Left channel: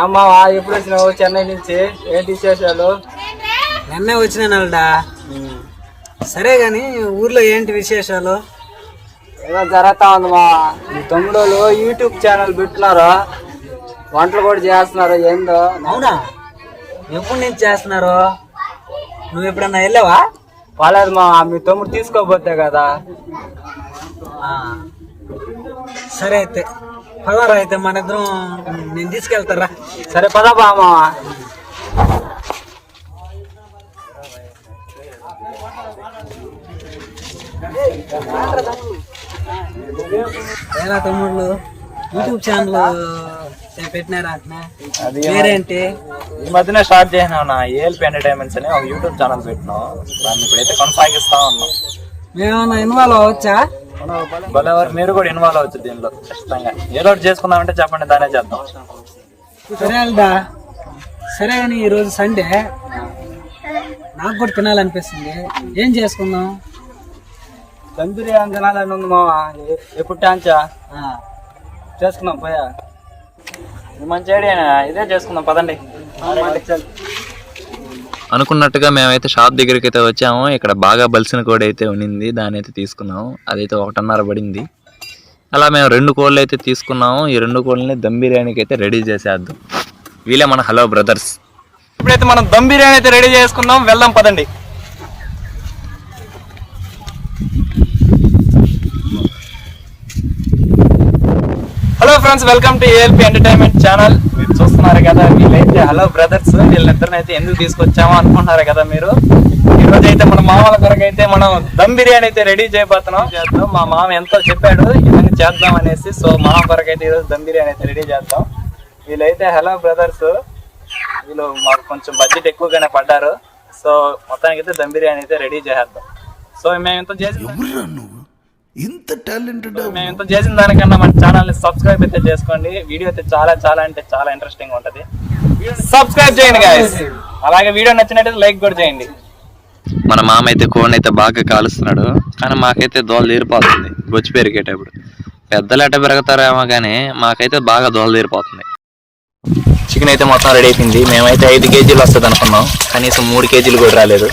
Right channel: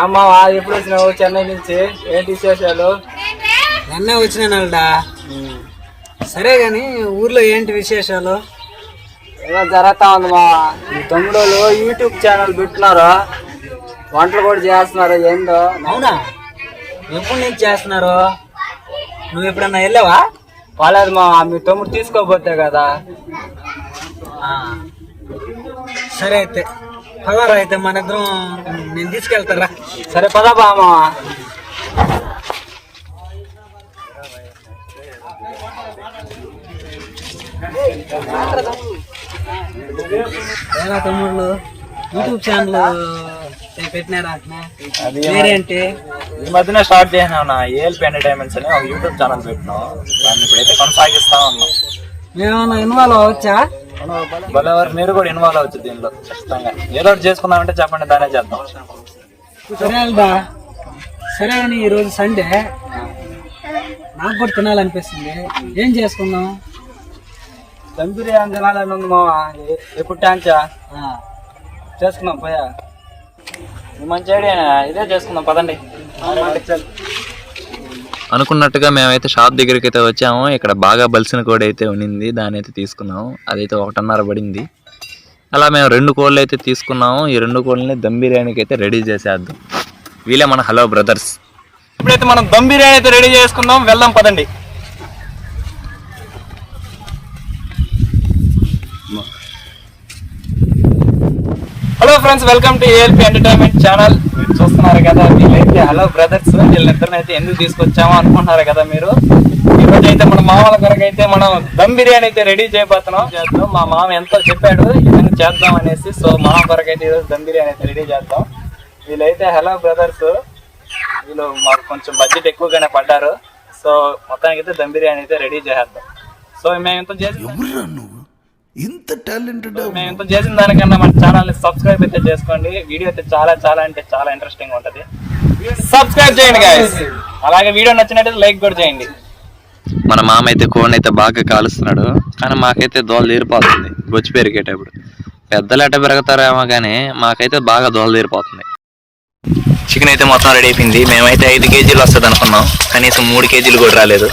ఏమ్మావా ఎప్పుడు వచ్చినావు చెన్నై నుంచి ఏంటి విశేషాలు? నిన్నే వచ్చినానల్డా సరే గాని ఊర్లో ఏంటి విశేషాలు? ఏదో జరుగుతా ఉంది మా తమ్ముడు యూట్యూబ్ ఛానల్ పెట్టినారు. వంటలు కూడా చేస్తున్నారు. ఏందో? అవునా? ఎప్పుడు నుంచి చేస్తున్నారు? నువ్వు ఎప్పుడన్నా వెళ్ళావా? వాళ్ళది మా మీ తమ్ముడు తీసుకోపోతే కదా. సరే అయితే. పదరా అయితే మన ఇద్దరం నేను తీసుకెళ్తారా? సరే పదా బామా ఎలా తమ్ముళ్ళు? యూట్యూబ్ ఛానల్ పెట్టినారా? పేరేంటి? ఈ మధ్యన స్టార్ట్ చేసినాం నా ఏఎల్పి ఎంటర్టైన్మెంట్స్ అని ఒక యూట్యూబ్ ఛానల్ పెట్టినాం. దాన్ని ఇప్పుడైతే కొనసాగిస్తా ఉన్నాం. మేమేమన్నా ఇన్వాల్వ్ అవ్వచ్చా? భలే వారు మీరు కూడా ఇన్వాల్వ్ అవచ్చు దీనిలో ఖచ్చితంగా. ఏదో ఒకటి చేసుకుందామంటే చెప్పండి దానే చేద్దాం సరే కానీ ఈరోజు సండే నాకు కూడా తినాలనిపిస్తుంది. ఏం చేసుకుందాం? దంపిరి తినాలని ఉంది మావా. ఎప్పుడు టాంచా చేసుకున్నాం పోయా. మంచి ఐడియా ఇదే చేసుకుందాం పదండి. అనుకున్నట్టుగా మేమైతే షాప్ దగ్గరికి అయితే వచ్చాము. ఇక్కడ బాగా బలిసిన కోడి అయితే ఉన్నింది. దాని అయితే తీసుకున్నాము. అదైతే ఒకటన్నర పడింది. అలా మేము రెండు కోళ్ళు అయితే తీసుకున్నాము. ఈ రెండు కోళ్ళని దమ్ బిర్యానీకి అయితే రెడీ చేసేద్దాం. వీలే మన హలో బ్రదర్స్. ఇప్పుడైతే మనం దమ్ బిర్యానీ అయితే రెడీ చేసుకుందాం వెళ్దాం పదండి. Hello friends welcome to ALP entertainment channel. మీరు చూస్తున్నారు కదా వీళ్ళైతే హలో బ్రదర్స్ వీళ్ళిద్దరిని అయితే ఎందుకు తీసుకొచ్చామో? అనుకుంటున్నారు కదా మీరు. ఈ అయితే మన మామల కొరకు అయితే మనం దమ్ బిర్యానీ అయితే రెడీ చేయబోతున్నాం. చేద్దాం? మా మామ ఎంతో చెప్పాడు ఇలాగ చేద్దాం అనేసి. సో మామ కొరకు అయితే ఈరోజు దమ్ బిర్యానీ అయితే రెడీ చేద్దాం. వీళ్ళైతే హలో బ్రదర్స్ వీళ్ళు మాకు కొంచెం బడ్జెట్ ఎక్కువగానే పడ్డారు. సో మొత్తానికి అయితే దమ్ బిర్యానీ అయితే రెడీ చేసేద్దాం. సో మేము ఎంత చేసి నువ్వు? ఇంత టాలెంటెడ్ ఇంత చేసిన దానికన్నా మన ఛానల్ని సబ్స్క్రైబ్ అయితే చేసుకోండి. వీడియో అయితే చాలా చాలా అంటే చాలా ఇంట్రెస్టింగ్ ఉంటది. సబ్స్క్రైబ్ చేయండి గాయస్ అలాగే వీడియో నచ్చినట్టయితే లైక్ కూడా చేయండి. మన మామ అయితే కోడిని అయితే బాగా కాలుస్తున్నాడు కానీ మాకైతే దోల తీరిపోతుంది. బొచ్చి పెరిగేటప్పుడు. పెద్దలు ఎట్ట పెరుగుతారేమో కానీ మాకైతే బాగా దోల తీరిపోతుంది. చికెన్ అయితే మొత్తం రెడీ అయిపోయింది. మేమైతే ఐదు కేజీలు వస్తుంది అనుకున్నాం కనీసం మూడు కేజీలు కూడా రాలేదు.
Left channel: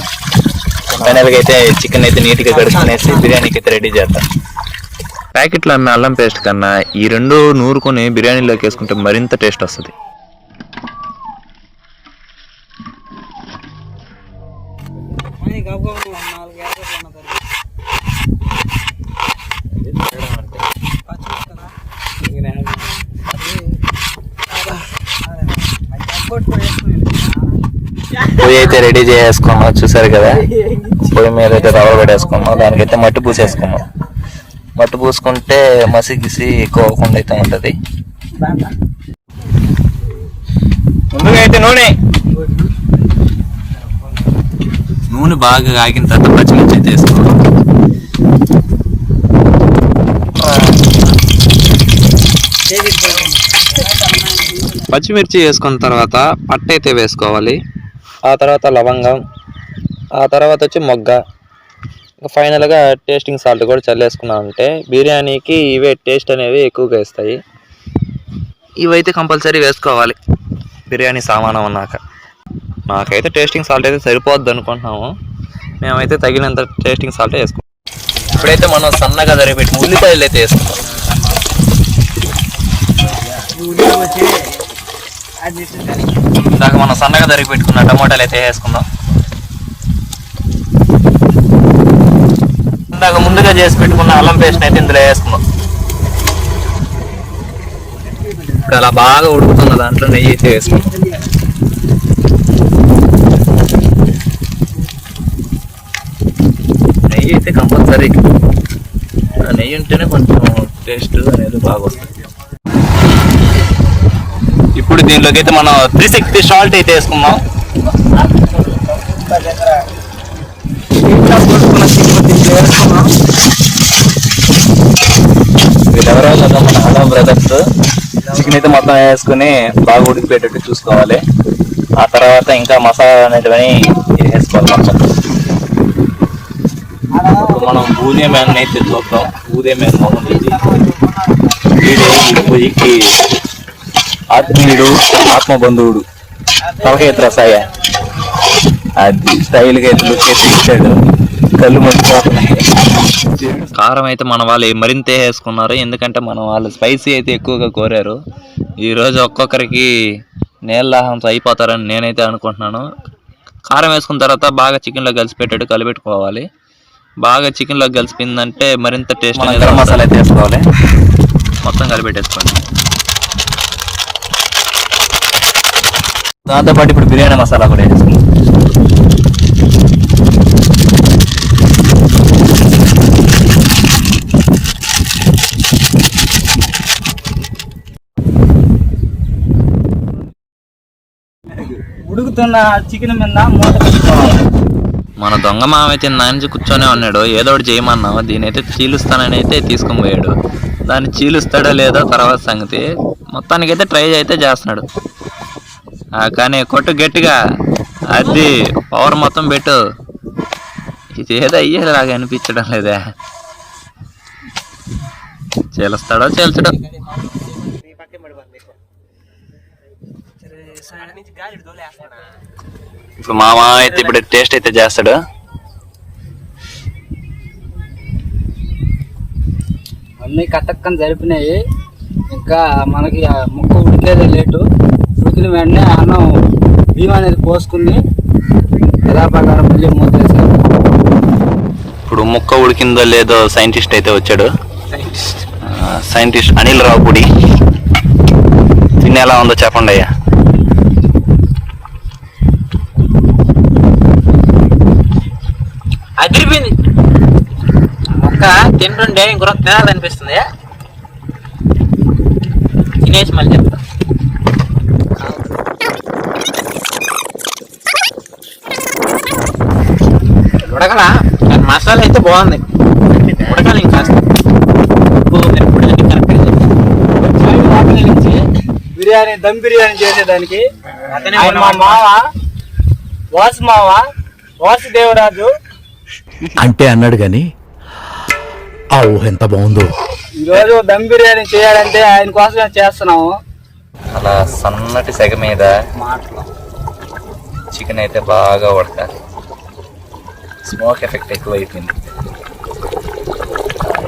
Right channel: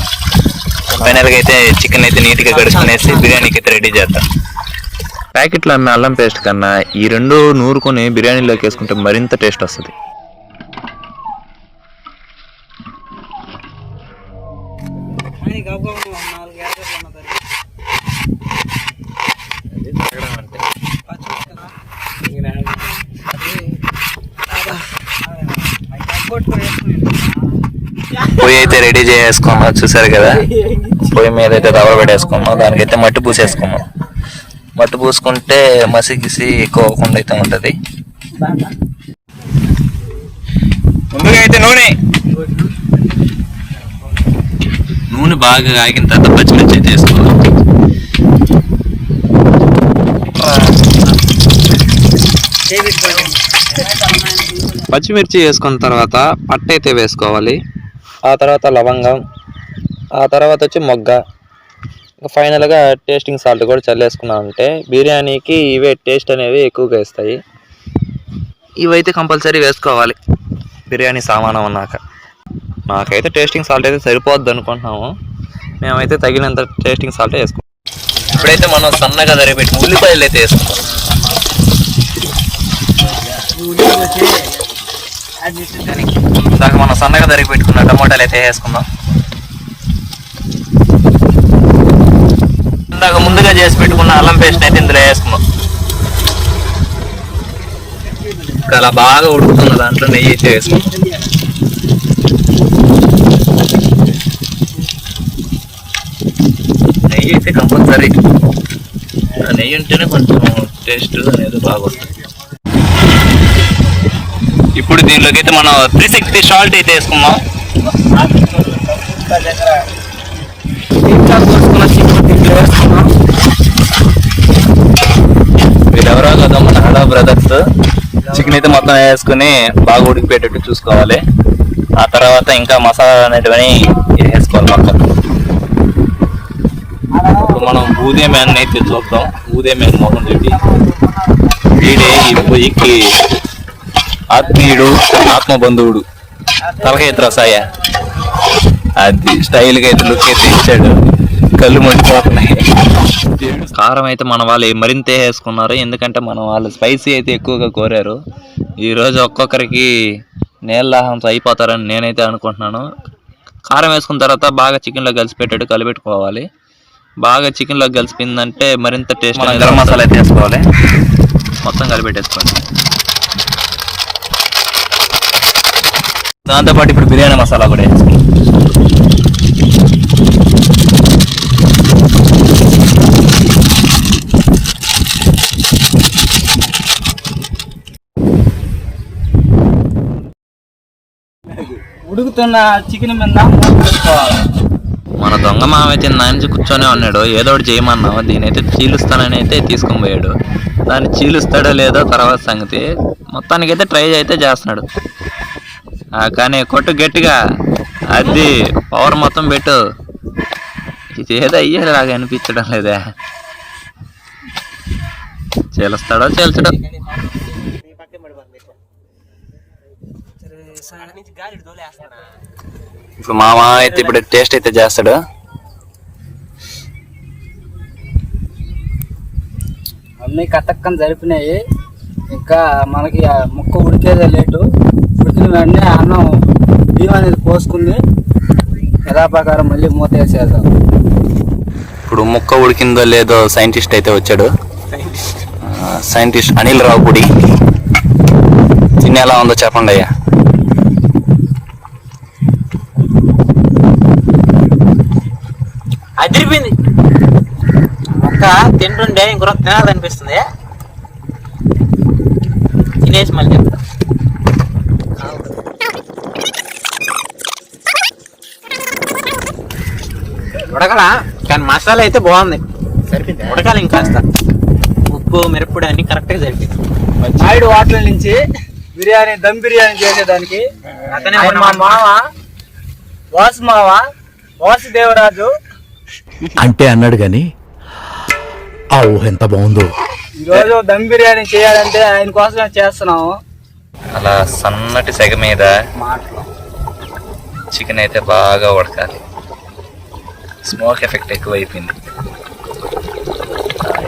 ఫైనల్గా అయితే చికెన్ అయితే నీట్గా కడుక్కునేసి బిర్యానీకి అయితే రెడీ చేద్దాం ప్యాకెట్లో అమ్మే అల్లం పేస్ట్ కన్నా ఈ రెండు నూరుకొని బిర్యానీలోకి వేసుకుంటే మరింత టేస్ట్ వస్తుంది. పొయ్యి అయితే రెడీ చేసుకున్నాం చూసారు కదా పొయ్యి మీద అయితే రవ్వ పెట్టేసుకున్నాం. దానికైతే మట్టి పూసేసుకున్నాం. మట్టి పూసుకుంటే మసి గిసి ఎక్కువ అవ్వకుండా అయితే ఉంటుంది. ముందుగా అయితే నూనె. నూనె బాగా ఆగిన తర్వాత పచ్చిమిర్చి అయితే వేసుకోవాలి పచ్చిమిర్చి వేసుకున్న తర్వాత పట్ట అయితే వేసుకోవాలి. ఆ తర్వాత లవంగం. ఆ తర్వాత వచ్చి మొగ్గ. ఇంకా ఫైనల్గా టేస్టింగ్ సాల్ట్ కూడా చల్లేసుకున్నామంటే బిర్యానీకి ఇవే టేస్ట్ అనేవి ఎక్కువగా ఇస్తాయి ఇవైతే కంపల్సరీ వేసుకోవాలి. బిర్యానీ సామానం అన్నాక. నాకైతే టేస్టింగ్ సాల్ట్ అయితే సరిపోద్ది అనుకుంటున్నాము. మేమైతే తగినంత టేస్టింగ్ సాల్ట్ వేసుకుంటాం. ఇప్పుడైతే మనం సన్నగా తరిగిపెట్టి ఉల్లిపాయలు అయితే వేసుకున్నాం ఇందాక మనం సన్నగా తరిగి పెట్టుకున్న టమోటాలు అయితే వేసుకుందాం ఇందాక ముందుగా చేసి పెట్టుకున్న అల్లం పేస్ట్ అయితే ఇందులో వేసుకున్నాం. ఇప్పుడు అలా బాగా ఉడుకుతున్న దాంట్లో నెయ్యి అయితే వేసుకున్నాం. నెయ్యి అయితే కంపల్సరీ. నెయ్యి ఉంటేనే కొంచెం టేస్ట్ అనేది బాగా వస్తుంది ఇప్పుడు దీనిలోకి అయితే మనం త్రీ సిక్స్టీ సాల్ట్ అయితే వేసుకుందాం వీళ్ళెవరో కదా మన హడా బ్రదర్స్ చికెన్ వేసుకుని బాగా ఉడికిపోయేటట్టు చూసుకోవాలి. ఆ తర్వాత ఇంకా మసాలా అనేటివని వేసుకోవాలి మనం బూదే మ్యాన్ అయితే చూద్దాం. బూదే మ్యాన్ ఉంటుంది ఈ పొయ్యికి ఆత్మీయుడు ఆత్మబంధువుడు. తలకాయ ఎత్తులు వస్తాయా అది స్టైల్గా అయితే లుక్ ఇచ్చాడు. కళ్ళు మండిపోతున్నాయి. కారం అయితే మన వాళ్ళు మరింత వేసుకున్నారు. ఎందుకంటే మన వాళ్ళు స్పైసీ అయితే ఎక్కువగా కోరారు. ఈరోజు ఒక్కొక్కరికి నీళ్ళాహంతో అయిపోతారని నేనైతే అనుకుంటున్నాను. కారం వేసుకున్న తర్వాత బాగా చికెన్లో కలిసి పెట్టాడు కలిపెట్టుకోవాలి. బాగా చికెన్లో కలిసిపోయిందంటే మరింత టేస్ట్ అనేది మసాలా వేసుకోవాలి. మొత్తం కలిపెట్టేసుకోండి. దాంతోపాటు ఇప్పుడు బిర్యానీ మసాలా కూడా వేసుకోవాలి. ఉడుకుతున్న చికెన్ మీద మూత పెట్టుకోవాలి. మన దొంగ మామైతే అయితే కూర్చొని కూర్చొనే ఉన్నాడు. ఏదో ఒకటి చేయమన్నావు. దీని అయితే చీలుస్తానని అయితే తీసుకొని పోయాడు. దాన్ని చీలుస్తాడో లేదో తర్వాత సంగతి. మొత్తానికైతే ట్రై అయితే చేస్తున్నాడు. కానీ కొట్టు గట్టిగా. అది పవర్ మొత్తం పెట్టు. ఇది ఏదో అయ్యేలాగా అనిపించడం లేదే. చీలుస్తాడో చీల్చడో. ఇప్పుడు మామ అయితే ఇప్పుడు టేస్ట్ అయితే చేస్తాడు. అన్నీ కతక్కని జరిపినాయి. ఇంకా మనకి ముక్క ఉడికేదే లేటు. ఉడికిన వెంటనే అన్నం బియ్యం అనేది పోసుకుని యథాప్రకారం మళ్ళీ మూత వేసేది ఇప్పుడు ముక్క ఉడికిందో లేదో సైంటిస్ట్ అయితే వచ్చాడు. సైంటిస్ట్. అనిల్ రావుపూడి తిని ఎలా ఉందో చెప్పండి అయ్యా అదిరిపోయింది తింటుంటే ఇంకొక తినాలనిపిస్తుంది. తినేసి మళ్ళీ చెప్తా. ఉడకల? కానీ మసాలా అయితే బాగుంది. ఉడకాలి ఇంకాస్త ఉప్పు మిరప్పుడు అన్ని కరెక్ట్గా సరిపోయింది సైడ్ వాటర్ నుంచి బిర్యానీ దమ్ బిర్యానీ చేసేదానికి మా మామ వాసు మావ వాసుదేవరాజు అంటే అన్నాడు గాని ఆ ఊహ ఎంత బాగుందో. ఈరోజు దమ్ బిర్యానీ చేయాలంటే ఆయన కోసమే చేస్తున్నాము. అలా సన్నటి సెగ మీద మాటలు. చికెన్ అయితే బాగా ఉడకాలి. స్మోక్ ఎఫెక్ట్ ఎక్కువ అయిపోయింది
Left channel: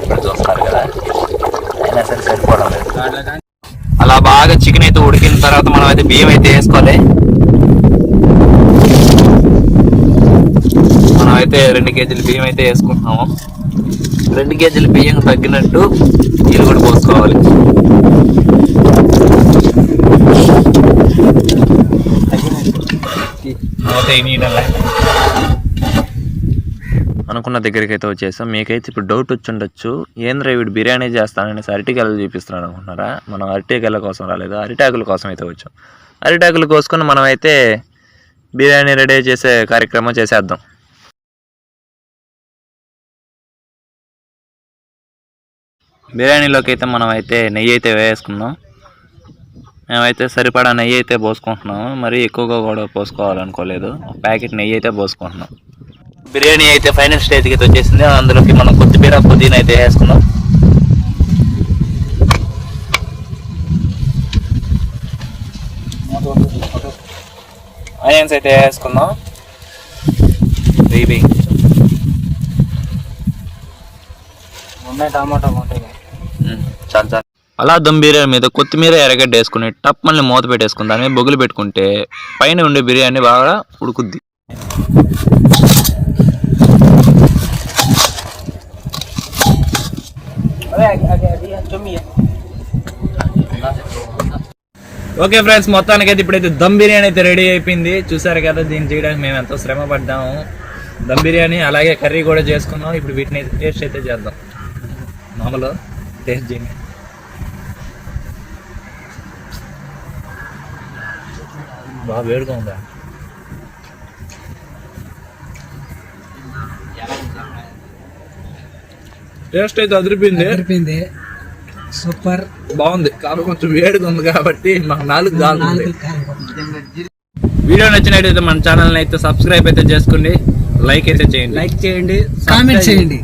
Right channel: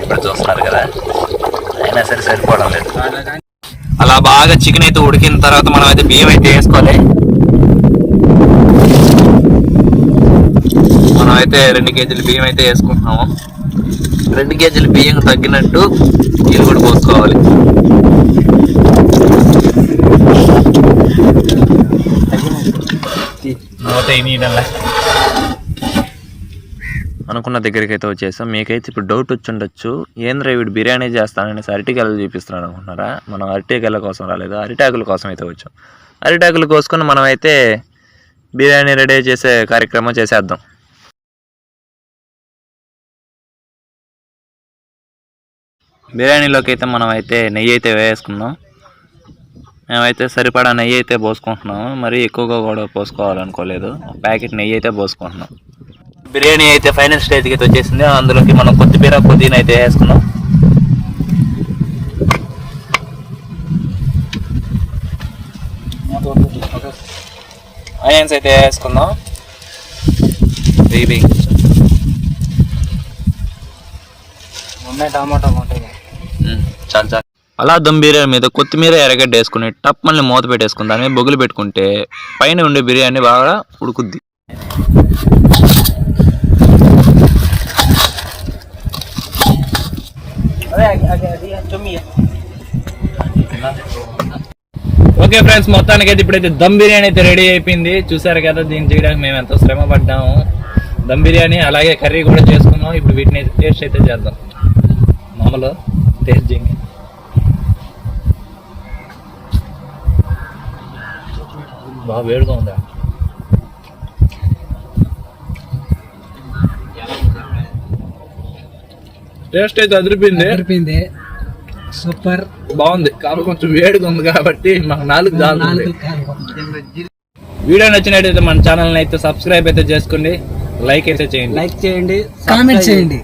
ఇప్పుడు చూస్తున్నారు కదా అయినా సరే సరిపోవడం లేదు. అలా బాగా చికెన్ అయితే ఉడికిన తర్వాత మనం అయితే బియ్యం అయితే వేసుకోవాలి. మనం అయితే రెండు కేజీలు బియ్యం అయితే వేసుకుంటున్నాము. రెండు కేజీలు బియ్యం తగ్గినట్టు నీళ్ళు కూడా పోసుకోవాలి. అనుకున్న దగ్గరికి అయితే వచ్చేసాం. మీకైతే ఇప్పుడు డౌట్ వచ్చి ఉండొచ్చు ఏంద్ర వీడు బిర్యానీ చేస్తాననేసి అరటికాయలు చూపిస్తున్నాడు అనుకుంటున్నారా మనం అరటికాయల కోసం రాలేదు. అరిటాకుల కోసం అయితే వచ్చాం. అరిటాకులు కోసుకొని మనం అయితే బిర్యానీ రెడీ చేసే కార్యక్రమం చేసేద్దాం. బిర్యానీలోకి అయితే మనం అయితే నెయ్యి అయితే వేసుకుందాం. మేమైతే సరిపడా నెయ్యి అయితే పోసుకుంటున్నాము. మరి ఎక్కువగా కూడా పోసుకోవాలనుకోలేదు. ఒక ప్యాకెట్ నెయ్యి అయితే పోసుకుంటున్నాం. బిర్యానీ అయితే ఫైనల్ స్టేజ్కి అయితే వచ్చేసింది. అందులోకి మనం కొత్తిమీర పుదీనా అయితే వేసుకున్నాం ఆనియన్స్ అయితే వేసుకుందాం బేబీ టమాటా ఉంటాయి చాలు చాలు అలా దమ్ బిర్యానీ మీద కొత్తిమీర ఎర్రగడ్డ వేసుకుని టప్ మళ్ళీ మూత పెట్టేసుకుని దాని మీద బొగులు పెట్టుకుంటే పైన ఉండే బిర్యానీ బాగా ఉడుకుద్ది. ఓకే ఫ్రెండ్స్ మొత్తానికి అయితే ఇప్పుడైతే దమ్ బిర్యానీ అయితే రెడీ అయిపోయింది. చూసారు కదా దీన్ని చేయడానికి మేము ఎంతో శ్రమ పడ్డాము. దమ్ బిర్యానీ అలాగే కర్రీ కూడా చేసుకున్నాం. ఇప్పుడు వీటిని టేస్ట్ అయితే చేద్దాం. మామూలు టేస్ట్ చేయండి. బాగా వేడిగా ఉందా. టేస్ట్ అయితే అదిరిపోయింది. సరిపోయింది సూపర్. బాగుంది. కాకపోతే కొంచెం వేడిగా ఉంది కాబట్టి మాకు నాలుగు జాలు వీడియో నచ్చినట్టయితే మన ఛానల్ అయితే సబ్స్క్రైబ్ అయితే చేసుకోండి. లైక్ అయితే చేయండి. లైక్ చేయండి. కామెంట్ చేయండి.